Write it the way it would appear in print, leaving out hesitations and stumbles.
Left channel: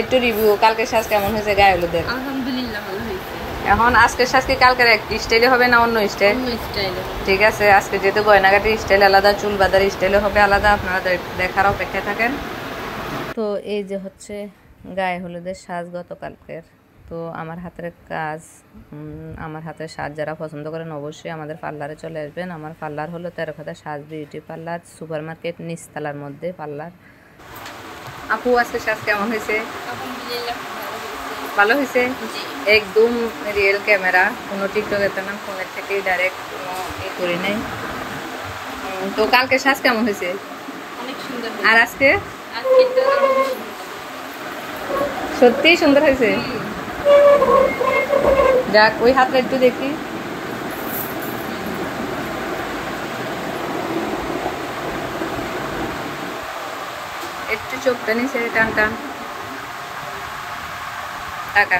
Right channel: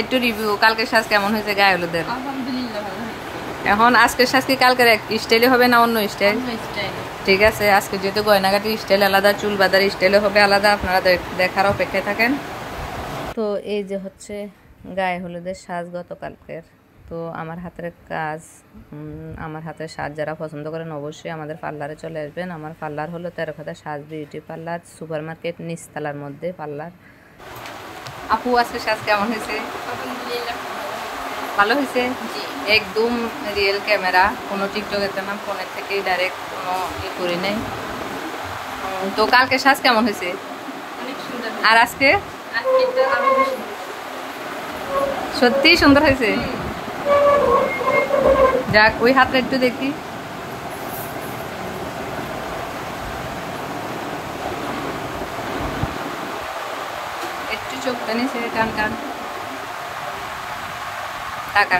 একটু রিভিউ, কালকে সাজ কেমন হয়েছে গায়ে হলুদের? আলহামদুলিল্লাহ ভালো হয়েছে। এখন আজকের সাজ কি কালকের এক স্টাইলে হবে না অন্য স্টাইল? অন্য স্টাইলে। ঠিক আছে, আজকে যেহেতু গয়নাঘাটির স্টাইল আলাদা, চুল বাঁধার স্টাইলও হবে আলাদা, আপনারা দেখার অপেক্ষায় থাকেন। তো এই যে হচ্ছে গায়ে হলুদের সাজ গতকালকের। তো আমার হাতের কাজ, আমার হাতের সাজ যারা পছন্দ করেন অবশ্যই আমাদের পার্লারে চলে আসবেন। আমার পার্লার হলো তেরোখাদা সাজ বিউটি পার্লার, সুপার মার্কেট নিচতলার মধ্যে পার্লার। আপু আজকে সাজ কেমন হয়েছে? আলহামদুলিল্লাহ ভালো হয়েছে। ভালো হয়েছে, একদম রিয়েল ক্যামেরা, কোনো টিকটকেতে না, ফোনের থেকেই ডাইরেক্ট, কোনো করি নাই। তো কালকে সাজ কেমন হয়েছে? অনেক সুন্দর। আর আজকে আজকে আরো বেশি সত্যিই সুন্দর হয়েছে। যাক, ওই হাতটা একটু দেখি। একটু চোখটা নিচে টান টান, টাকা